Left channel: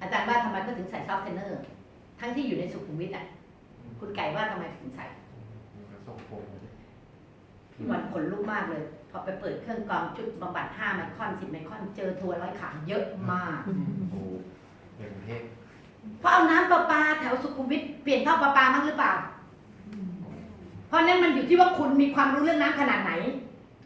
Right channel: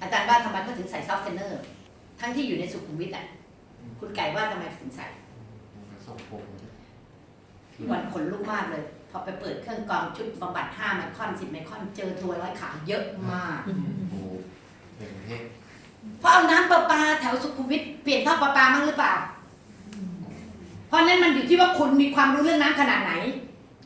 อาจารย์ว่าทำไมเขาถึงใส่ซอฟต์เทนเนอร์ ทั้งที่อยู่ในสุขุมวิทอะ คุณไก่ว่าทำไมถึงใส่ส่งผมพี่วันขนลุกมากเลย พอไปเปิดเครื่องกรองชุดบำบัด5ไมครอน10ไมครอนเจอทัวร์ร้อยขาเยอะมาก โอ้ในกรุงเทพเพราะเอาน้ำประปาแถวสุขุมวิทเปลี่ยนท่อประปามั้งหรือเปล่า เพราะนั้นมันอยู่ที่ว่าคุณมีความรู้เรื่องน้ำขนาดไหน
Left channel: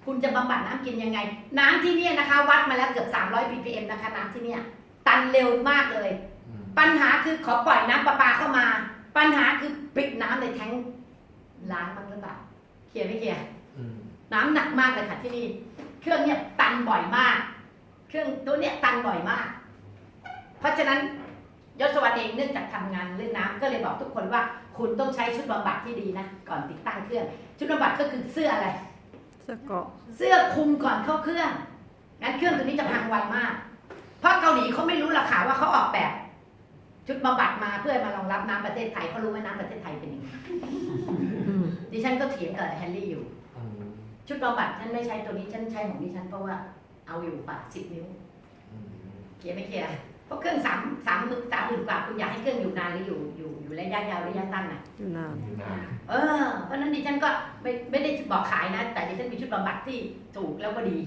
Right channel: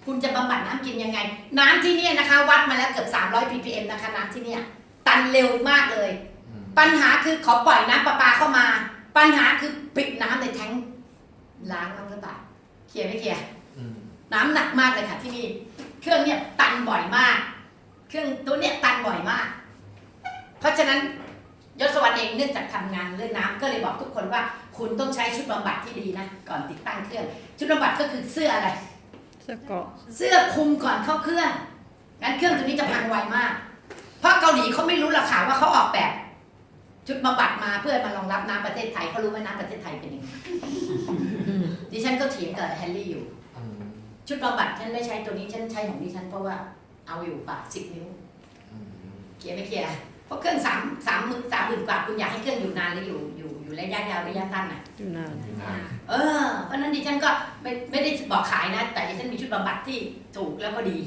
คุณจะบำบัดน้ำกินยังไง น้ำที่เนี่ยนะคะ วัดมาแล้วเกือบ300 ppm นะคะน้ำที่เนี่ย ตันเร็วมากเลยอืมปัญหาคือขอปล่อยน้ำประปาเข้ามา ปัญหาคือปิดน้ำในแทงค์ล้างมั้งหรือเปล่าเคลียร์ไม่เคลียร์อืมน้ำหนักมากเลยค่ะที่นี่เครื่องเนี่ยตันบ่อยมาก เครื่องตัวเนี้ยตันบ่อยมาก เพราะฉะนั้นยศวรรษเองเนื่องจากทำงานเรื่องน้ำก็เลยบอกทุกคนว่า คุณต้องใช้ชุดบำบัดที่ดีนะก่อนติดตั้งเครื่อง ชุดบำบัดก็คือเสื้ออะไร เสื้อเกราะเสื้อคลุมก่อนเข้าเครื่องงั้นเครื่องตัวนี้จะพังไวมาก เพราะเกาหลีเขาไม่รู้ราคาว่าเขาออกแบบ ชุดบำบัดมาเพื่อมารองรับน้ำประเทศไทยเขารู้ไหมน้ำประเทศไทยเป็นยังไงอืมดิฉันก็เถียงกับแฮร์รี่อยู่อืมชุดบำบัดฉันไม่ใช้ตัวนี้ฉันใช้ของดิฉันเพราะว่าเอาอยู่ป่ะสิบนิ้วอืมเคลียร์ไม่เคลียร์เพราะเครื่องสามสามหมื่นสามหมื่นกว่าคุณอยากให้เครื่องอยู่นานหรืออยู่อยู่อยู่ระยะยาวระยะสั้นน่ะอยู่นานอยู่นานเออเพราะฉะนั้นดิฉันก็ไม่ไม่ได้บอกขายนะ แต่ดิฉันมีชุดบำบัดที่ถูกแล้วก็ดี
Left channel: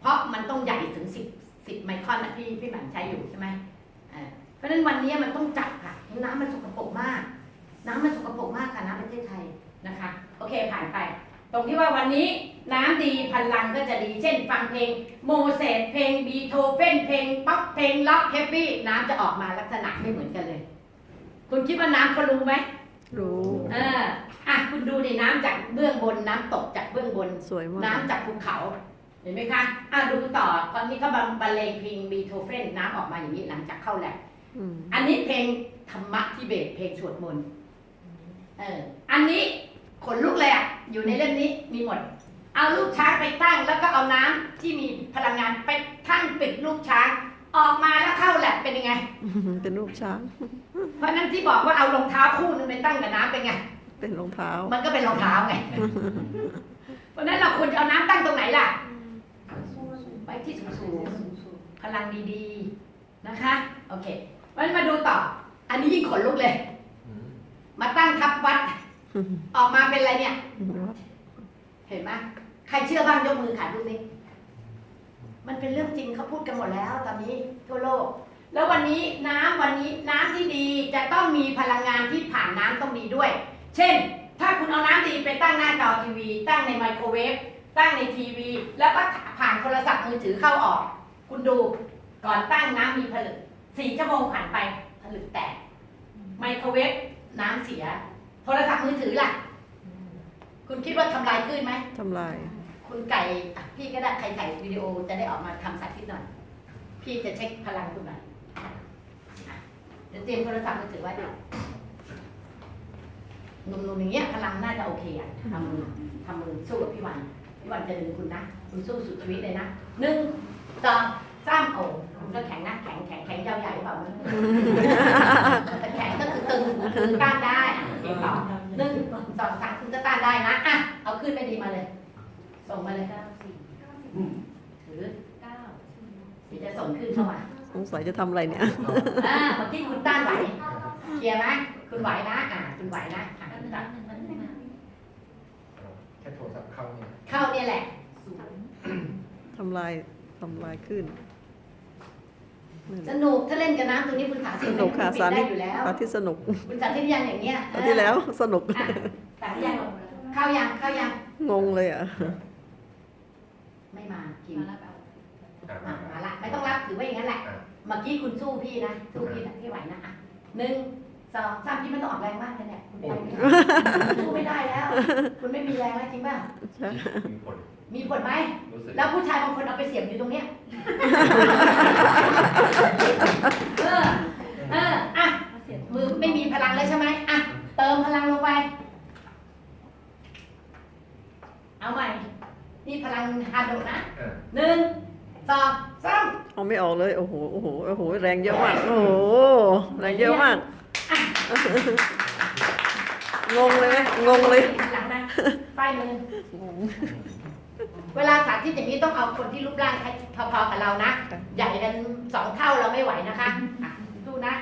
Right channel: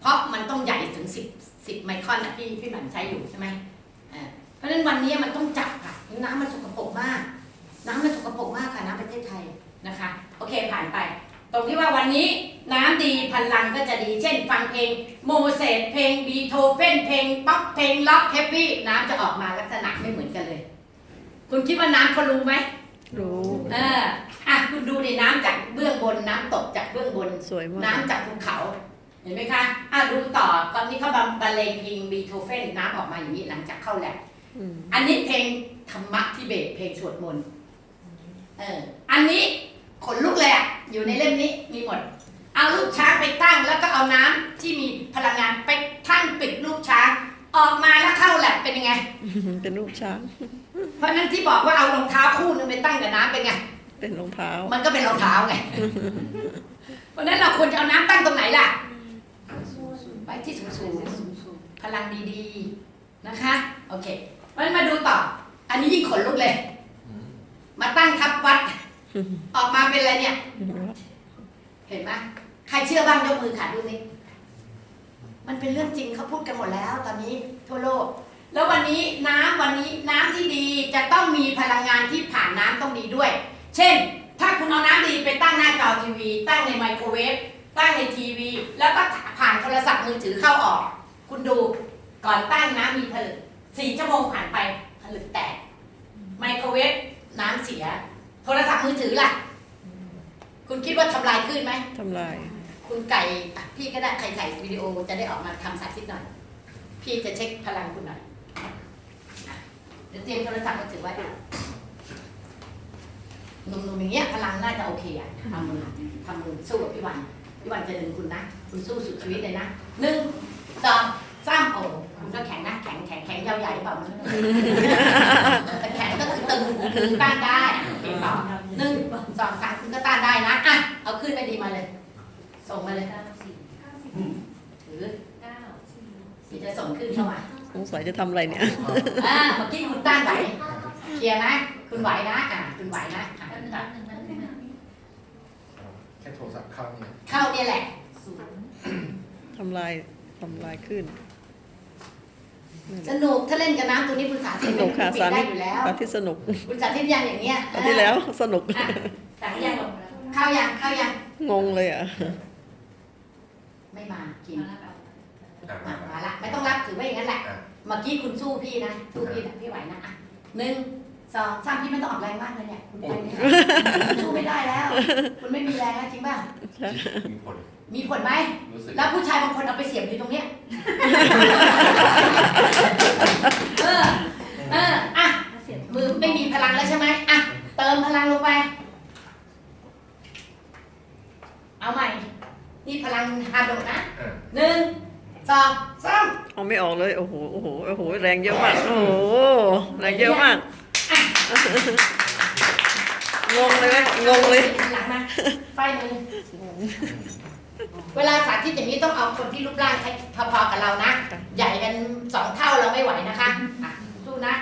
เพราะมันต้องใหญ่ถึงสิบ สิบไมครอนนะพี่พี่หมันใช้อยู่ใช่ไหมอ่าเพราะฉะนั้นวันนี้มันต้องจับค่ะ น้ำมันสกปรกมาก น้ำมันสกปรกมากค่ะน้ำประเทศไทยนะคะ โอเคผ่านไป ตรงที่ว่าวันนี้น้ำดีพลังก็จะดี เช่น ฟังเพลงโมเสสเพลงบีโธเฟนเพลงป๊อปเพลงล็อกแฮปปี้น้ำจะออกมาลักษณะไม่เหมือนกันเลย คุณคิดว่าน้ำเขารู้ไหมรู้เอออะคุณดูดิน้ำจากเบื้องบนน้ำตกจากเบื้องบนสวยมากน้ำจากภูเขาเห็นไหมคะอะดูต่อตอนที่เขาบรรเลงเพลงบีโธเฟนน้ำออกมาอย่างนี้หลังจากเข้าแลบอืมอันนี้เพลงธรรมะทิเบตเพลงสวดมนต์เอออันนี้ขนลุกเลยอะอยู่ในเล่มนี้มีหมด เอาลูกช้างไปตั้งแล้วก็เอาน้ำที่มีพลังงานไปทั้งปิดลูกช้าง ออกมาแล้วเข้าแลบเป็นยังไง เป็นรูปช้าง เพราะฉะนั้นที่บอกว่าเอารองเท้าคู่นึงไปตั้งกับน้ำเป็นไง เป็นรองเท้า มันก็เป็นรองเท้าไง เพราะฉะนั้นเราควรจะเอาน้ำตั้งตรงไหนล่ะ ไว้ที่สูงสูงๆพลังดีๆนะคะ โอเคเพราะฉะนั้นมาดูต่อ อันนี้ยิ่งขนลุกเลยอืมมาตั้งทับวัด ออกมาเป็นอะไรเนี่ย เห็นไหมใครเชื่อบ้างยกมือขาดูสิมันเป็นเรื่องจริงเขาพูดกันหมดแล้ว ตอนนี้ทั่วโลก แล้ววันนี้น้ำวันนี้น้ำที่ดีจะต้องมีพลังงานที่ผ่านน้ำต้องดีด้วย เช่น ถ้าคุณเอาน้ำดีไปตั้งหน้าจอทีวี ตั้งในไมโครเวฟ ตั้งในทีวี แล้วก็ผ่านโทรศัพท์มือถือเข้าออก คุณดูก่อนตั้งน้ำมีผลึกสี่ชั่วโมงผ่านไปผลึกแตก ไมโครเวฟน้ำเสีย โทรศัพท์มือถือล่ะ คุณคิดว่าทำลายขึ้นไหมทำลาย คุณไก่อะพี่ก็ได้ใครถ่ายวิดีโอจะได้ออกมาทำสาธิตหน่อย พี่จะเช็คพลังคุณหน่อยอะเดี๋ยวเตรียมโทรศัพท์มาถือไว้หนุ่มๆอย่างเงี้ยพลังน่าจะโอเคอะทำมือทำมือสู้กับพี่วัน พี่วันจะดึงคุณนะ คุณสู้สุดชีวิตเลยนะหนึ่งสองสามโอ้คุณก็แข็งนะแข็งแข็งแข็งยาวใหญ่หรือเปล่าไม่รู้แต่แข็งก็คือตึงตึงต้านได้อะโอเคเปล่าหนึ่งสองสามคุณก็ต้านได้นะอะเอาขึ้นไปดีมาเลย ส่งมาเลยเก้าสี่ถือเก้าเดี๋ยวจะส่งขึ้นเข้ามาสงสัยจะทำอะไรเนี่ยอ่าเมื่อกี้คุณต้านไหวเคลียร์ไหมคุณไหวนะอ่าคุณไหวนะอะแป๊บนึงแป๊บนึงแป๊บนึงนะ เอาแค่โทรศัพท์ เข้าเนี่ยเข้าเนี่ยแหละศูนย์ทำลายทำลายขึ้นนั่นแหสละนุกถ้าเล่นกับน้ำตัวนี้คุณสาธิสตนุกค่ะปิดสาได้ธิตอยู่แล้ว สาธิตสนุกคุณสาธิตยังอย่างเงี้ยคราวที่แล้วสนุก อะสาธิตยังเข้ายังเข้ายังงงเลยอะ ไม่มากินมาแล้วแบบอะอะมามาละไม่ต้องรับถือไว้อย่างนั้นแหละ อะเมื่อกี้คุณสู้พี่นะสู้พี่นะพี่ไหวนะอะหนึ่ง สองสามพี่ไม่ต้องออกแรงมากเลยเนี่ยคุณไปไม่ได้คุณสู้ไม่ได้แล้ว คุณไม่มีแรงแล้วจริงป่ะมีผลมีผลไหมรู้สึกแล้วผู้ชายบางคนเอาไปเสียบอยู่ตรงเนี้ยเออเอออะเสียงมือไม่มีพลังแล้วใช่ไหมอะเติมพลังลงไป เอาใหม่นี่พลังฮาร์ดนะอะหนึ่งสองสามเอาไม่ออกเลย โอ้โห โอ้โห โอ้โห แรงเยอะมาก โอ้โห แรงเยอะมาก งงเลยไหมงงเลยหลังมาไฟมือเวลาสาธิตอย่างนี้ต้องเอาคนที่รูปร่างพอๆกับเรานะ ใหญ่กันสองเท่าเราไม่ไหวนะคะอะสู้ๆนะ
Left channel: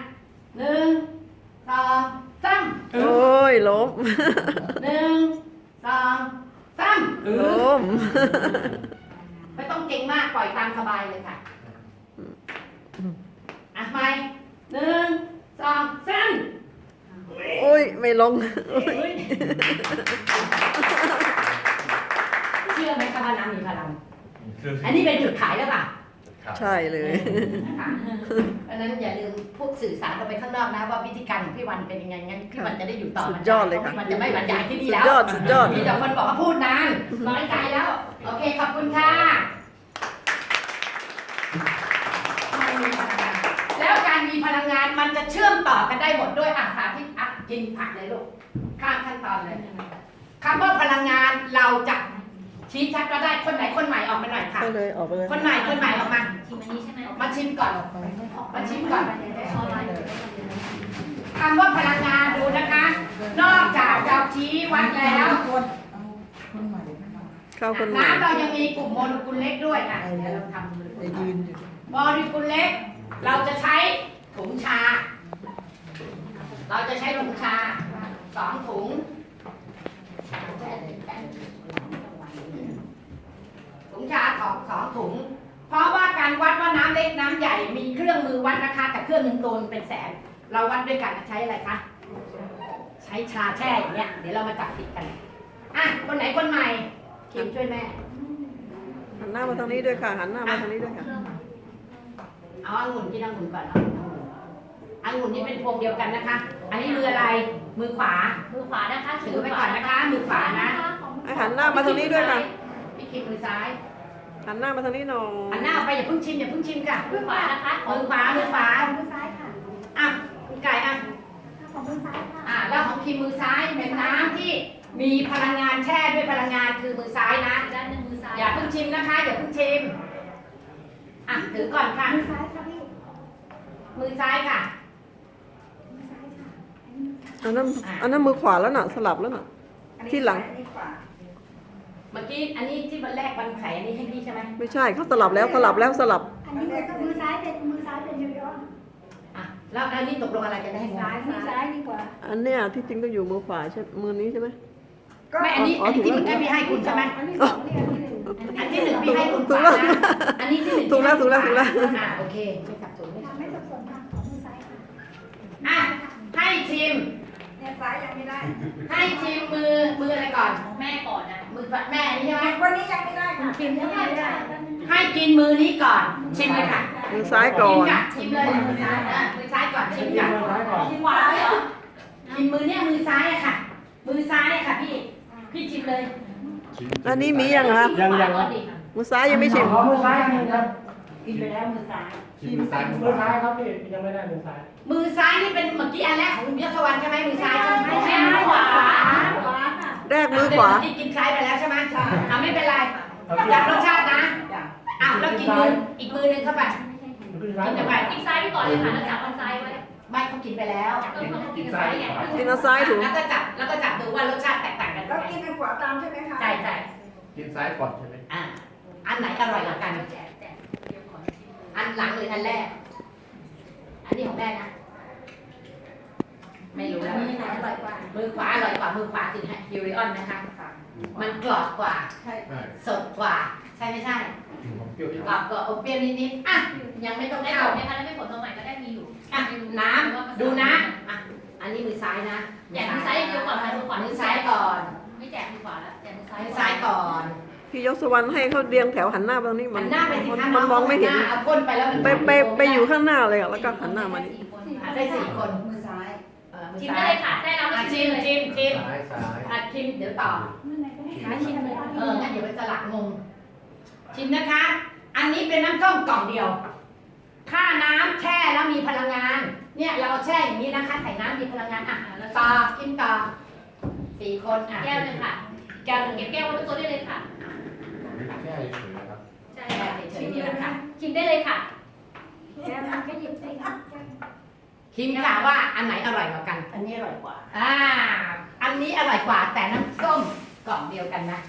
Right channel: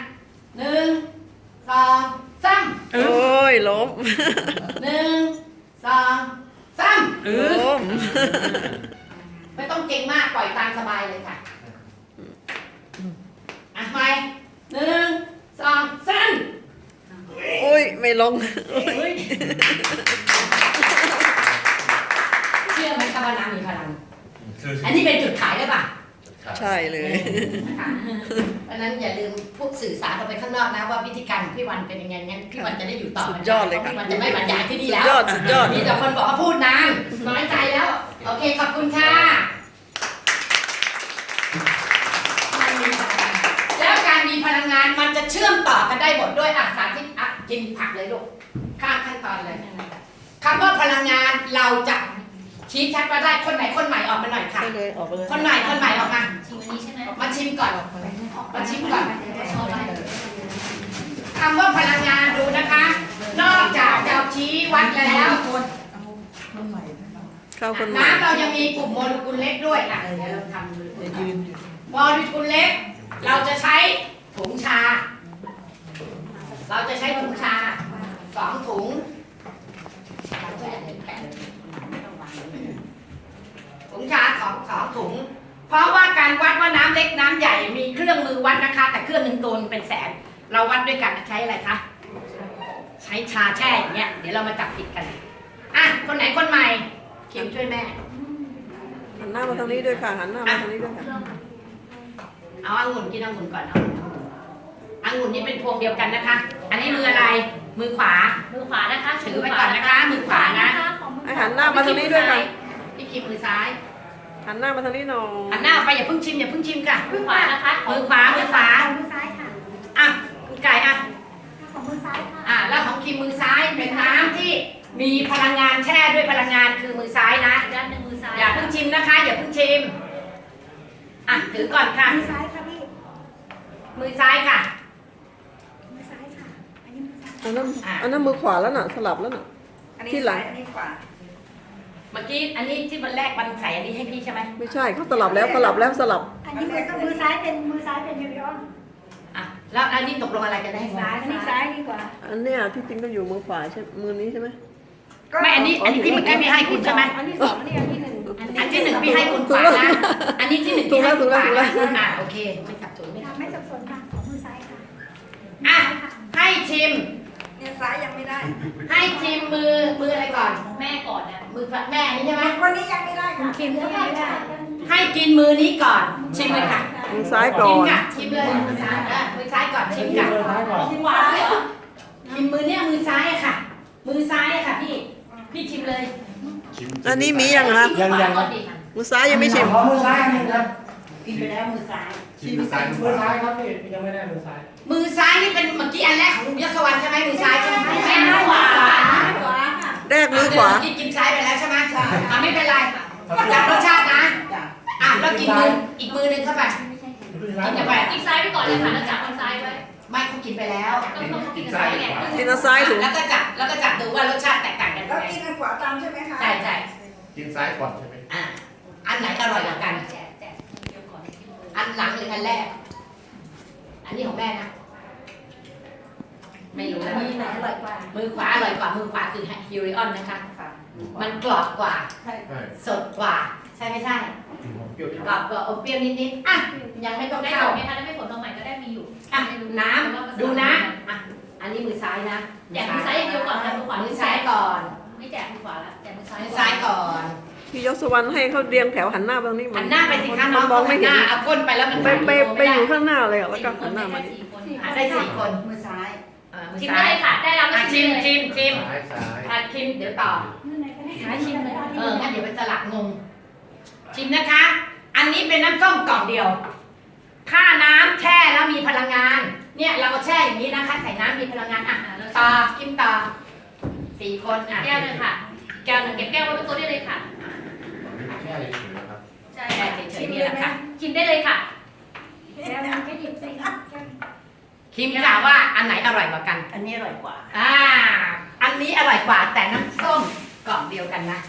หนึ่งสองสามโอ้ยล้มหนึ่งสองสามล้มไม่ต้องเก่งมากปล่อยตามสบายเลยค่ะอะไปหนึ่งสองสาม โอ้ยไม่ลงเชื่อไหมคะว่าน้ำมีพลัง อันนี้เป็นจุดขายหรือเปล่าใช่เลยค่ะเพราะฉะนั้นอย่าลืมพูดสื่อสารออกไปข้างนอกนะว่าวิธีการของพี่วันเป็นยังไงงั้นพี่วันจะได้อยู่ต่อสุดยอดเลยค่ะ พราพี่วันจะไม่บรรยายที่นี่สุแล้ดวยอดสุดยอด มีแต่คนบอกว่าพูดนานน้อยใจแล้ว โอเค ขอบคุณค่ะมันมีพลังงานแล้วการมีพลังงานมันจะเชื่อมต่อกันได้หมดด้วยอาสาที่อะ กินผักเลยลูกข้ามขั้นตอนเลยคำว่าพลังงานเราจะชี้ชัดว่าได้คนไหนคนใหม่ออกมาหน่อยค่ะไปเลยออกไปเลยคนใหม่คนใหม่ออกมา ชิมอันนี้ใช่ไหมมาชิมก่อน มาชิมก่อน ชอบไหมคำว่าพลังงานดูนะคะ นอกจากจะชี้วัดแล้วเข้าคนใหม่น้ำเรายังมีกลุ่มโมเลกุลเล็กด้วยอะเดี๋ยวเราทำโมเลกุลเล็ก เราจะใช้ถุงชา เราจะใช้ถุงชาสองถุงถุงชาสองสองถุง เพราะว่าการวัดว่าน้ำเล็กน้ำใหญ่มีเครื่องมือวัดนะคะ แต่เครื่องหนึ่งตัวหนึ่งเป็นแสน เราวัดด้วยกันใช้อะไรคะใช้ชาแช่อย่างเงี้ยเดี๋ยวเรามาจับผิดกันอะคนไหนคนใหม่คิมช่วยแม่หันหน้ามาทางนี้ด้วยค่ะหันหน้ามาทางนี้ด้วยค่ะเอาองุ่นกินองุ่นก่อนเอา องุ่นนี่เป็นพวงเดียวกันนะคะ อันนี้มืออะไร มือขวา มือขวานะคะถือไว้ก่อนนะคะ มือขวานะให้หันหน้ามาทางนี้ด้วยค่ะพี่คิมมือซ้ายหันหน้ามาทางนี้หน่อยหันหน้าออกไปอย่าเพิ่งชิมอย่าเพิ่งชิมค่ะ มือขวานะคะ มือขวา มือขวา มือซ้ายค่ะ อะคุณไก่อะของมือซ้ายค่ะ อะแล้วของคิมมือซ้ายเป็นน้ำที่มีพลังงานแช่ด้วยพลังงานคือมือซ้ายนะอีกด้านหนึ่งมือซ้าย อย่าเพิ่งชิมนะคะ อย่าเพิ่งชิม อะถือก่อนค่ะ มือซ้ายค่ะพี่ มือซ้ายค่ะมือซ้ายค่ะ อันนี้มือซ้ายอันนั้นอันนั้นมือขวาแล้วน่ะ สลับแล้วน่ะที่หลังอันนี้ขวา เมื่อกี้อันนี้ที่วันแรกวันใส่อันนี้ให้พี่ใช่ไหมไม่ใช่เขาสลับแล้วสลับแล้วสลับ อันนี้มือมือซ้ายเป็นมือซ้ายเป็นยูริออนอะแล้วอันนี้ตกลงอะไรกันได้ไหมอันนี้ซ้ายดีกว่า อันเนี้ยที่จริงต้องอยู่มือขวาใช่มือนี้ใช่ไหม ไม่อันนี้อันนี้ที่เมื่อกี้พี่ให้คุณใช่ไหมอันที่สองอันนี้อันที่หนึ่งอันที่หนึ่งพี่ให้คุณถูขกวาแล้วนะอันนี้ที่หนึ่งถูกแล้วพี่ให้ถูกแล้วขถูกแล้วอะโอเคไม่สับสนไม่สับสนไม่สับสนค่ะของมือซ้ายค่ะอะ ให้ชิม เนี่ยซ้ายยังไม่ได้ให้ชิมมือมืออะไรก่อน แม่ก่อนนะมือแม่นี่ใช่ไหมวันนี้ยังไม่ได้ค่ะคิมยังไม่ได้ ให้กินมือนี้ก่อน ชิมเลยค่ะมือซ้ายก่อน ชิมค่ะชิมเลยมือซ้ายอะมือซ้ายก่อนชิมค่ะของขวาเลยเหรอชิมมือเนี่ยมือซ้ายอะค่ะ มือซ้ายอะค่ะพี่พี่ชิมเลยอันนี้มียังคะยังยังก่อนดิมือซ้ายยังไม่ชิมขอมือซ้ายอันหนึ่งครับกินไปแล้วมือซ้ายชิมซ้ายมือซ้ายครับพี่ยังไม่ได้มือซ้าย มือซ้ายนี่เป็นเมื่อกี้อันแรกของยศวรรณใช่ไหมมือซ้ายใช่ไหมแม่มือขวาขวาค่ะแรกมือขวากินกินซ้ายไปแล้วใช่ไหมใช่อะไม่เป็นไรจับรสชาตินะอะแล้วกินมืออีกมือหนึงเข้าไปมือซ้ายกินเข้าไปอีกซ้ายไปก่อนเลยค่ะแล้วจับมือซ้ายไว้ไม่เขากินไปแล้วต้องต้องกินซ้ายไงกินเอาซ้ายถูกแล้วก็จับแล้วก็จับดูว่ารสชาติแตกต่างกันยัแล้วงไงกินทางขวาตามใช่ไหมคะใช่ใช่กินซ้ายก่อนใช่ไหมอะอันไหนอร่อยกว่ากันแจกแจกเดี๋ยวก่อนอันหลังหรืออันแรก อันนี้ของแม่นะ ไม่รู้นะมือไหนอร่อยกว่ามือขวาอร่อยกว่า มือขวาคือฮิริออนนะคะ มันกรอบกว่า ใช่สดกว่า ใช่ไม่ใช่ เปรี้ยวกรอบกว่าอมเปรี้ยวนิดๆ อะ ยังไม่ต้องได้เข้าผลไหมคะแล้วไม่ผลตรงไหนก็ได้มีอยู่อะน้ำ ดูนะอะอันนี้มือซ้ายนะแจกมือซ้ายอย่างเดียวก่อนค่ะมือขวามือซ้ายก่อน ไม่แจกมือขวาแล้วแจกมือซ้ายมือซ้ายก่อน พี่ยศวรรณให้เขาเรียงแถวหันหน้าไปทางนี้มัหันนหน้าไปสิคะมันมองไม่เห็นน้าเอาก้นไปแล้วมันไปไปไปอยู่ข้างข้างหน้าเลยอะแล้วก็หันหน้ามานี่หาได้สี่คนมือซ้ายเออมือชิมซ้าได้ยเลยค่ะ ได้แล้วอะก็ชิชิมมเลยชิมชิมซ้ายซ้ายอะชิมเดี๋ยวต่อมือไหนก็ได้หาชิมเลยเอองั้นเดี๋ยวไปสลักงง ชิมนะคะ อันนี้เป็นน้ำส้มกล่องเดียว ค่าน้ำแช่แล้วมีพลังงาน เนี่ยเราก็แช่อย่างนี้นะคะ ใส่น้ำมีพลังงานอะต่อกินต่อสี่คนอะแก้วเลยค่ะ แก้วหนึ่งเก็เก็บบแก้แก้ววไว้บนโต๊ะได้เลยค่ะแค่เฉยๆนะครับใช่แช่เฉยๆนี่แหละค่ะชิมได้เลยค่ะแล้วมันก็หยิบได้ค่ะคิมกล่าวว่าอันไหนอร่อยกว่ากัน อันนี้อร่อยกว่า อ่า อันนี้อร่อยกว่าแต่น้ำส้มกล่องเดียวกันนะ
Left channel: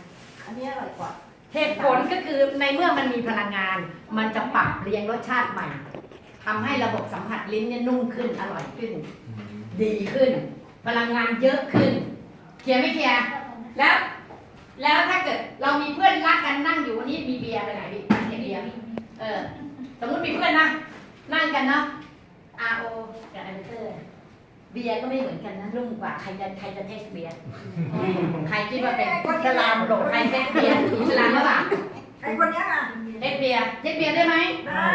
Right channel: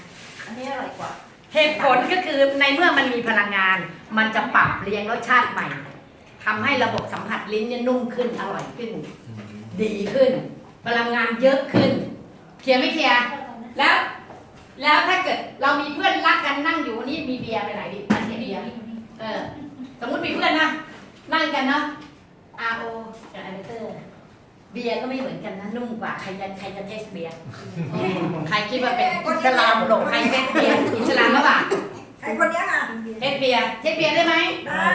อันนี้อร่อยกว่า เหตุผลก็คือในเมื่อมันมีพลังงาน มันจะปรับเรียงรสชาติใหม่ทำให้ระบบสัมผัสลิ้นเนี่ยนุ่มขึ้นอร่อยขึ้นดีขึ้น พลังงานเยอะขึ้นเคลียร์ไม่เคลียร์แล้ว แล้วถ้าเกิดเรามีเพื่อนรักกันนั่งอยู่วันนี้มีเบียร์ไปไหนดินั่งเก็บเบียร์เออ สมมติมีเพื่อนนะนั่งกันเนาะ R O กับไอเตอร์เบียร์ก็ไม่เหมือนกันนะนุ่มกว่าใครจะใครจะเทสเบียร์ใครคิดว่าเป็นอิสลามหลงใครเทสเบียร์อิสลามหรือเปล่าไอ้คนเนี้ยอะเทสเบียร์เทสเบียร์ได้ไหมได้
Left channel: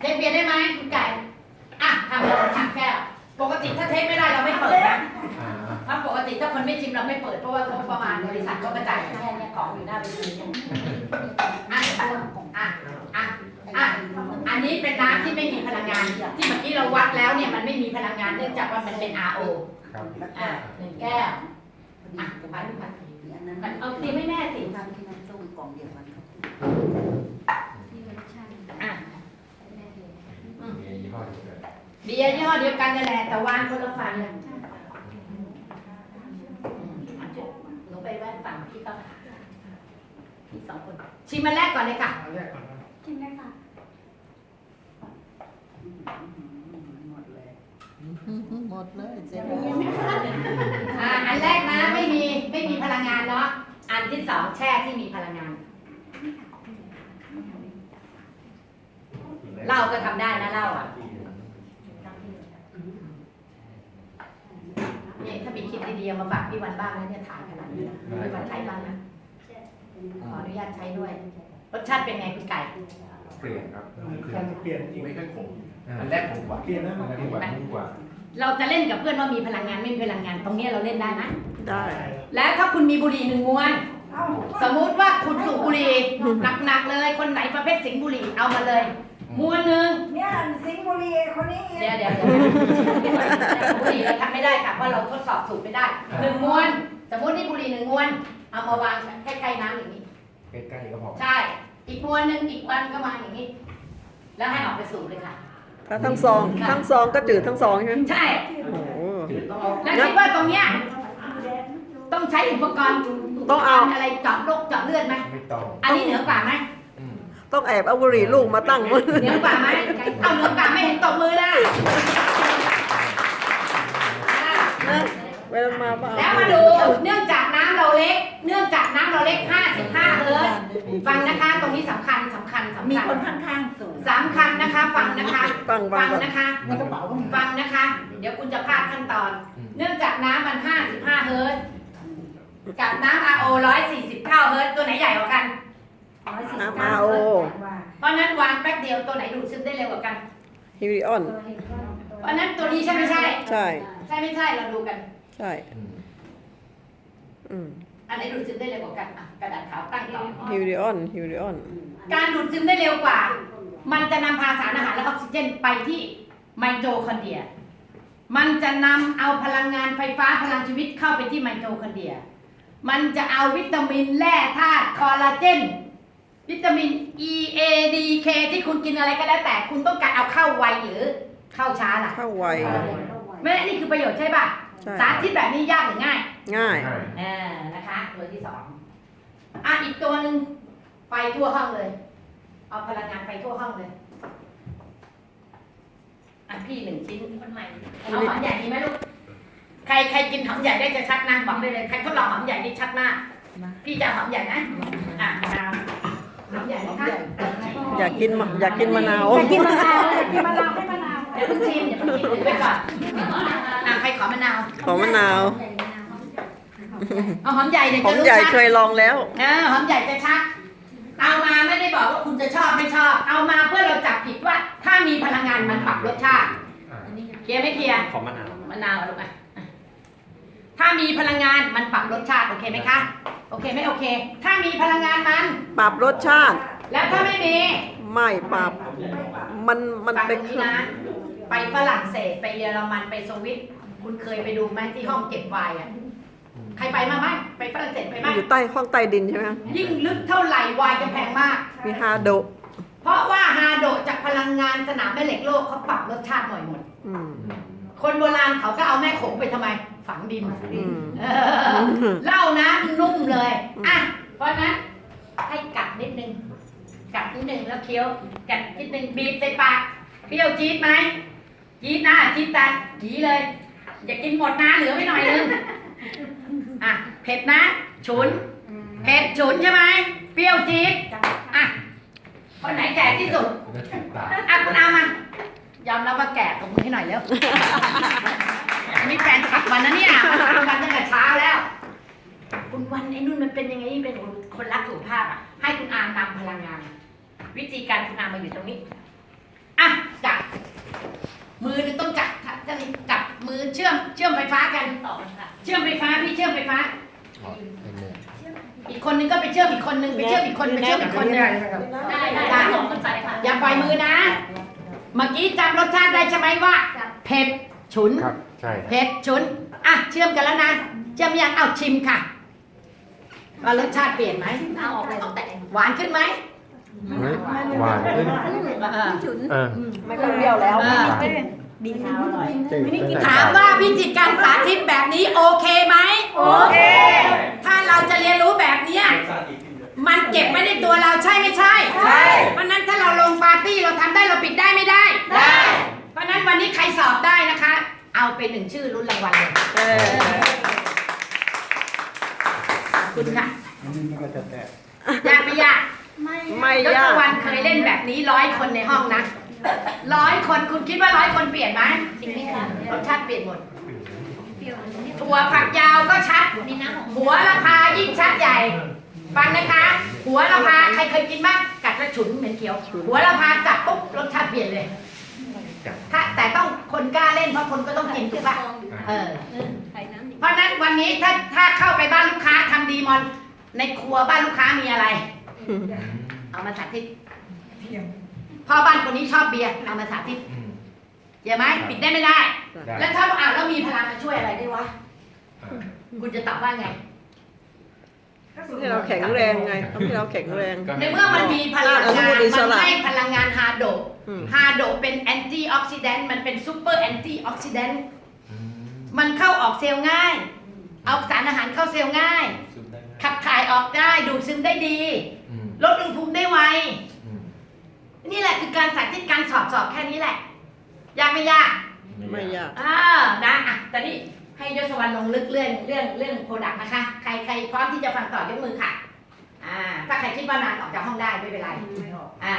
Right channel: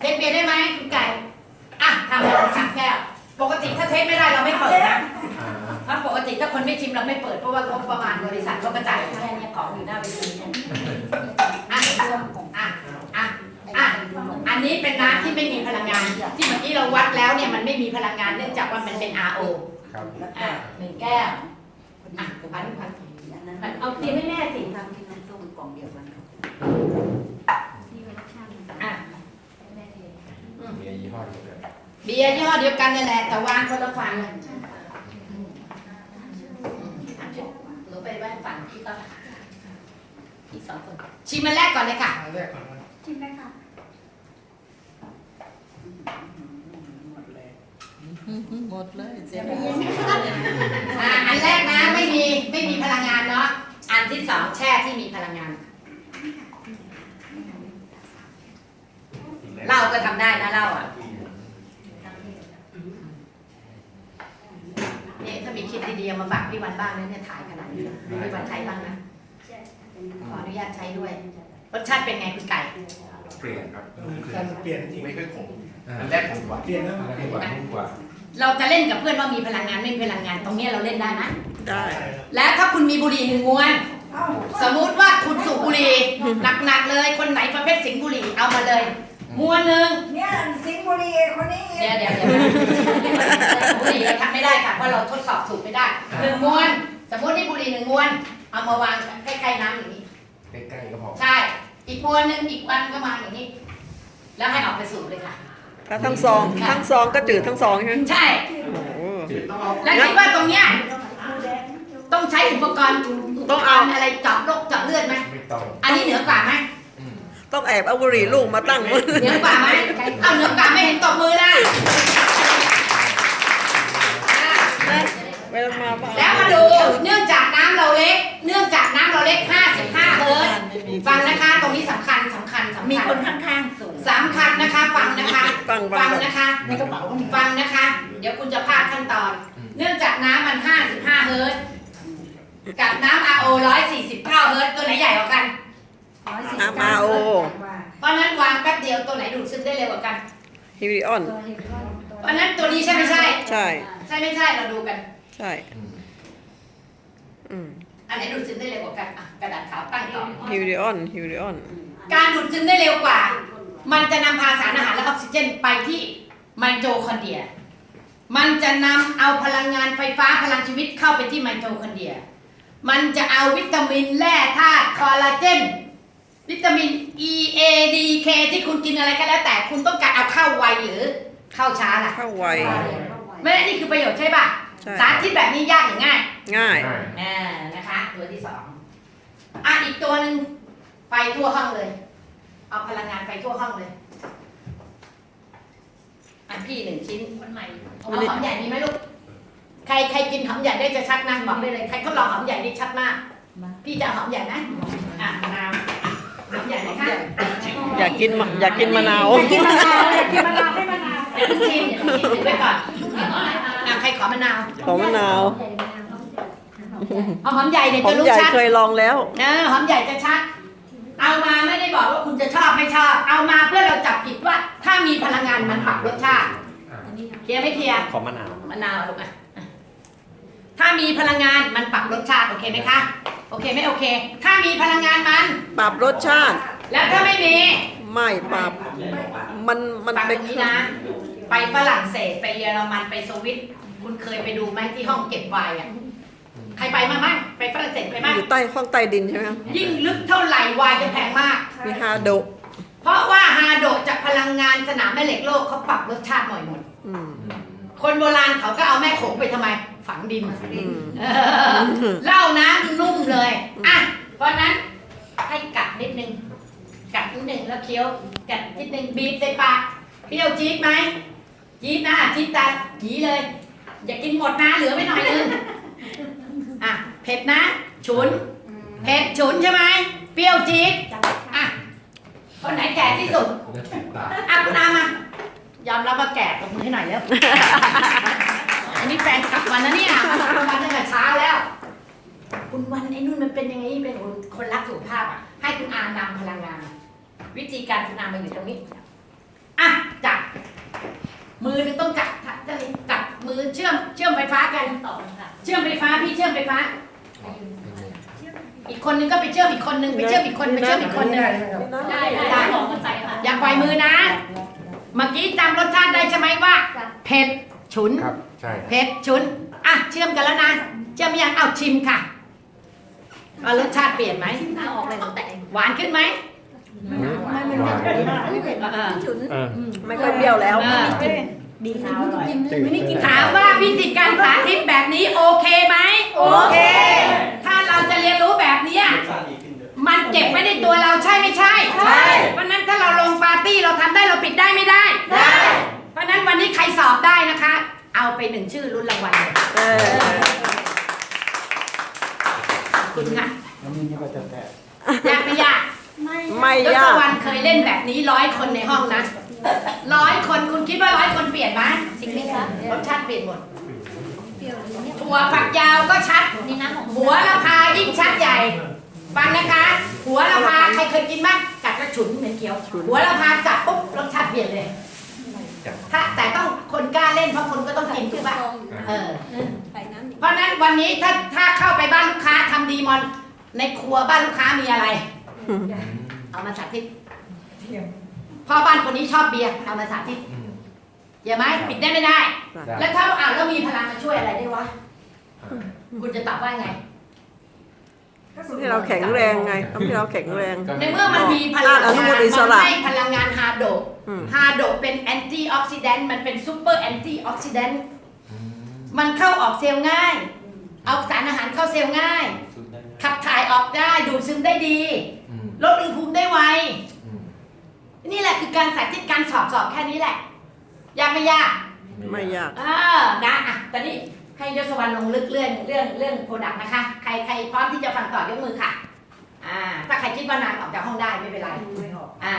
เทสเบียร์ได้ไหมคุณไก่อะทำเลยสามแก้วปกติถ้าเทสไม่ได้เราไม่เปิดนะ อ่าถ้าปกติถ้าคนไม่ชิมเราไม่เปิดเพราะว่างบประมาณบริษัทเขากระจายแค่เนี้ของอยู่หน้าเวทีเนี่ยอะอะอะอะอันนี้เป็นน้ำที่ไม่มีพลังงาน ที่เมื่อกี้เราวัดแล้วเนี่ยมันไม่มีพลังงานเนื่องจากว่ามันเป็น RO ครับอะหนึ่งแก้วอะพันพันเอาเตรียมให้แม่สิทำที่น้ำส้มกล่องเดียวกันอะเบียร์ยี่ห้อเดียวกันเบียร์ยี่ห้อเดียวกันนั่นแหละแต่วางคนละฝั่งอะช่วยหนูไปแว่นฝั่งพี่ก็ พี่สองคน ชิมมันแรกก่อนเลยค่ะ อันแรกก่อนนะจริงได้ค่ะหมดเลยเสียอ่าอันแรกนะไม่มีไม่มีพลังงานเนาะ อันที่สองแช่ที่มีพลังงาน เหล้าก็ทำได้นะเหล้าอะเนี่ยถ้ามีคลิปดีๆเอามาฝากพี่วันบ้างนะเนี่ยถ่ายขนาดนี้นะให้พี่วันใช้บ้างนะ ขออนุญาตใช้ด้วย รสชาติเป็นไงคุณไก่ เปลี่ยนครับเออการเปลี่ยนจริงไม่ค่อยขมอันแรกขมกว่าเปลี่ยนนะอันแรกขมกว่านุ่มกว่า เราจะเล่นกับเพื่อนว่ามีพลังงานไม่มีพลังงานตรงเนี้ยเราเล่นได้นะได้ แล้วถ้าคุณมีบุหรี่หนึ่งมวนเอ้าสมมุติว่าคุณสูบบุหรี่หนักๆเลย คนไหนประเภทสิงห์บุหรี่เอามาเลยมวนหนึ่งเนี่ยสิงห์บุรีคนนี้เดี๋ยวเดี๋ยวเดี๋ยวบุหรี่เราทำไม่ได้ค่ะเพราะเราทดสอบสูบไม่ได้หนึ่งมวน สมมตินี่บุหรี่หนึ่งมวน เอามาวางใกล้ๆน้ำอย่างนี้ ใกล้ๆก็พอใช่ อีกมวนหนึ่งอีกวันก็มาอย่างนี้ แล้วให้ออกไปสูบเลยค่ะ ถ้าทั้งซองทั้งซองก็จืดทั้งซองใช่ไหมใช่ โอ้โห จืดต้องเอาแล้วคิดว่าตรงเนี้ยต้องใช้อุปกรณ์ต้องเอาอะไรเจาะโรคเจาะเลือดไหมไม่ต้องอันนี้เหนือกว่าไหมอืมต้องแอบเอาบุหรี่ลูกมาตั้งมือเหนือกว่าไหมเอาเหนือกว่าไม่เห็นตบมือนะอะ เวลามาบ้านแล้วมาดูเนื่องจากน้ำเราเล็ก เนื่องจากน้ำเราเล็ก 55 เฮิร์ตซ์ฟังนะคะ ตรงนี้สำคัญสำคัญสำมีคัญคนข้างๆสูงสำคัญนะคะ ฟังนะคะฟังฟับ้างงนะคะ ในกระเป๋าก็มีฟังนะคะ เดี๋ยวคุณจะพลาดขั้นตอน เนื่องจากน้ำมัน 55 เฮิร์ตซ์กับน้ำ RO 149 เฮิร์ตซ์ตัวไหนใหญ่กว่ากัน น้ำอาโอเพราะฉะนั้นวางแป๊บเดียวตัวไหนดูดซึมได้เร็วกว่ากัน ฮิวิออน เพราะฉะนั้นตัวนี้ใช่ไม่ใช่ ใช่ ใช่ไม่ใช่เราดูกัน ใช่อืมอืมอันไหนดูดซึมได้เร็วกว่ากันอะกระดาษขาวตั้งต่อฮิวิออนฮิวิออน การดูดซึมได้เร็วกว่า มันจะนำพาสารอาหารและออกซิเจนไปที่ไมโทคอนเดรีย มันจะนำเอาพลังงานไฟฟ้าพลังชีวิตเข้าไปที่ไมโทคอนเดรีย มันจะเอาวิตามินแร่ธาตุคอลลาเจน วิตามิน E A D K ที่คุณกินอะไรก็แล้วแต่คุณต้องการเอาเข้าไวหรือเข้าช้าล่ะ เข้าไว ไม่ได้นี่คือประโยชน์ใช่ป่ะ ใช่ สารที่แบบนี้ยากหรือง่ายง่ายง่าย อ่านะคะ ตัวที่สองอะอีกตัวหนึ่งไปทั่วห้องเลย เอาพลังงานไปทั่วห้องเลยอันพี่หนึ่งชิ้นคนใหม่เอาหอมใหญ่มีไหมลูกใครใครกินหอมใหญ่ได้จะชัดนะบอกได้เลยใครทดลองหอมใหญ่นี่ชัดมาก พี่จะเอาหอมใหญ่ไหมอะมะนาวหอมใหญ่ไหมคะอยากกินมะอยากกินมะนาวกินมะนาวกินมะนาวให้มะนาว อย่าเพิ่งชิมอย่าเพิ่งชิมถือไปก่อน ใครขอมะนาวขอมะนาวเอาหอมใหญ่เดี๋ยวหอจะมรู้ใหญ่ชัดเคยลองแล้ว เออหอมใหญ่จะชัด เอามาไม่ได้บอกว่าคุณจะชอบไม่ชอบ เอามาเพื่อเราจับผิดว่า ถ้ามีพลังงานมันปรับรสชาติอ่าเคลียร์ไม่เคลียร์ขอมะนาวมะนาวเอาลูกอะอะถ้ามีพลังงานมันปรับรสชาติโอเคไหมคะโอเคไหมโอเค ถ้ามีพลังงานมัน ปรับรสชาติ แล้วถ้าไม่มี ไม่ปรับ มันมันฟังเป็นตรงนี้นะ ไปฝรั่งเศสไปเยอรมันไปสวิต คุณเคยไปดูไหมที่ห้องเก็บไวน์อะ ใครไปมาไหมไปฝรั่งเศสไปไหมอยู่ใต้ห้องใต้ดินใช่ไหมครับยิ่งลึกเท่าไหร่ไวน์จะแพงมาก มีฮาโดะเพราะว่าฮาโดะจากพลังงานสนามแม่เหล็กโลกเขาปรับรสชาติหน่อยหมด อืมคนโบราณเขาก็เอาแม่โขงไปทำไม ฝังดินอืมเออเหล้านะนุ่มเลยอะเพราะฉะนั้นให้กัดนิดนึง กัดนิดนึงแล้วเคี้ยวกัดนิดนึงบีบใส่ปากเปรี้ยวจี๊ดไหมจี๊ดนะจี๊ดตัดจีเลย อย่ากินหมดนะเหลือไว้หน่อยนึงอะเผ็ดนะ ฉุน เผ็ดฉุนใช่ไหมเปรี้ยวจี๊ดอะคนไหนแก่ที่สุดจะติดตาอะคุณอามา ยอมรับว่าแก่ตบมือให้หน่อยแล้ว อันนี้แฟนขับมันนะเนี่ยทำกันตั้งแต่เช้าแล้ว คุณวันไอ้นุ่นมันเป็นยังไงเป็นคนรักสุขภาพอะ ให้คุณอามนำพลังงาน วิธีการคุณอามมาอยู่ตรงนี้ อะจับมือหนึงต้องจับจะจับ มือเชื่อมเชื่อมไฟฟ้ากัน ต่อกันค่ะเชื่อมไฟฟ้าพี่เชื่อมไฟฟ้า อีกคนนึงก็ไปเชื่อมอีกคนนึงไปเชื่อมอีกคนไปเชื่อมอีกคนนึงได้ได้ลองกันไปค่ะอย่าปล่อยมือนะ เมื่อกี้จำรสชาติได้ใช่ไหมว่าเผ็ดฉุนครับใช่เผ็ดฉุนอะเชื่อมกันแล้วนะเชื่อมยังเอาชิมค่ะว่ารสชาติเปลี่ยนไหมเอาออกเลยต้องแตะหวานขึ้นไหมหวานเออเออไม่ค่อยเปรี้ยวแล้วเออ ดีเท้าอร่อยถามว่าพิธีการสาธิตแบบนี้โอเคไหมโอเค ถ้าเราจะเรียนรู้แบบเนี้ยมันเก็บไว้ในตัวเราใช่ไม่ใช่ใช่เพราะฉะนั้นถ้าเราลงปาร์ตี้เราทำได้เราปิดได้ไม่ได้ได้เพราะฉะนั้นวันนี้ใครสอบได้นะคะ เอาไปหนึ่งชื่อรุ่นรางวัลเลยเออคุณค่ะนี่ก็จะแตกยากไม่ยากไม่ยศยากวรรณเคยเล่นแบบนี้ร้อยคนในห้องนะ ร้อยคนคุณคิดว่าร้อยคนเปลี่ยนไหมจริงไหมคะรสชาติเปลี่ยนหมดถั่วฝักยาวก็ชัดนี่น้ำของหัวละพายิ่งชัดใหญ่ ฟังนะคะ หัวละพาใครเคยกินบ้างกัดกระฉุนเหม็นเขียว หัวละพาจับปุ๊บรสชาติเปลี่ยนเลย ถ้าแต่ต้องคนกล้าเล่นเพราะคนก็ต้องกินถูกปะเออเพราะฉะนั้นวันนี้ถ้าถ้าเข้าไปบ้านลูกค้าทำดีมอน ในครัวบ้านลูกค้ามีอะไร เอามาสาธิต พ่อบ้านคนนี้ชอบเบียร์เอามาสาธิตอืมอย่าไหมปิดได้ไม่ได้ ได้แล้วถ้าอ่านแล้วมีพลังมาช่วยอะไรได้วะคุณจะตอบว่าไง ที่เราแข็งแรงไงทำให้เราแข็งแรงในเมื่อมันมีพลังอนุงานมูลอิสมันระให้พลังงานฮาโดอืม ฮาโดเป็นแอนตี้ออกซิแดนต์มันเป็นซูเปอร์แอนตี้ออกซิแดนต์อืมมันเข้าออกเซลล์ง่าย เอาสารอาหารเข้าเซลล์ง่ายขับถ่ายออกได้ดูดซึมได้ดี อืมลดอุณหภูมิได้ไวอืม นี่แหละคือการสาธิตการสอบสอบแค่นี้แหละ ยากไม่ยากไม่ยากอ่านะอะตอนนี้ให้ยศวรรณลงลึกเรื่องเรื่องเรื่องโปรดักต์นะคะ ใครใครพร้อมที่จะฟังต่อยกมือค่ะ อ่า ถ้าใครคิดว่านานออกจากห้องได้ไม่เป็นไรอ่า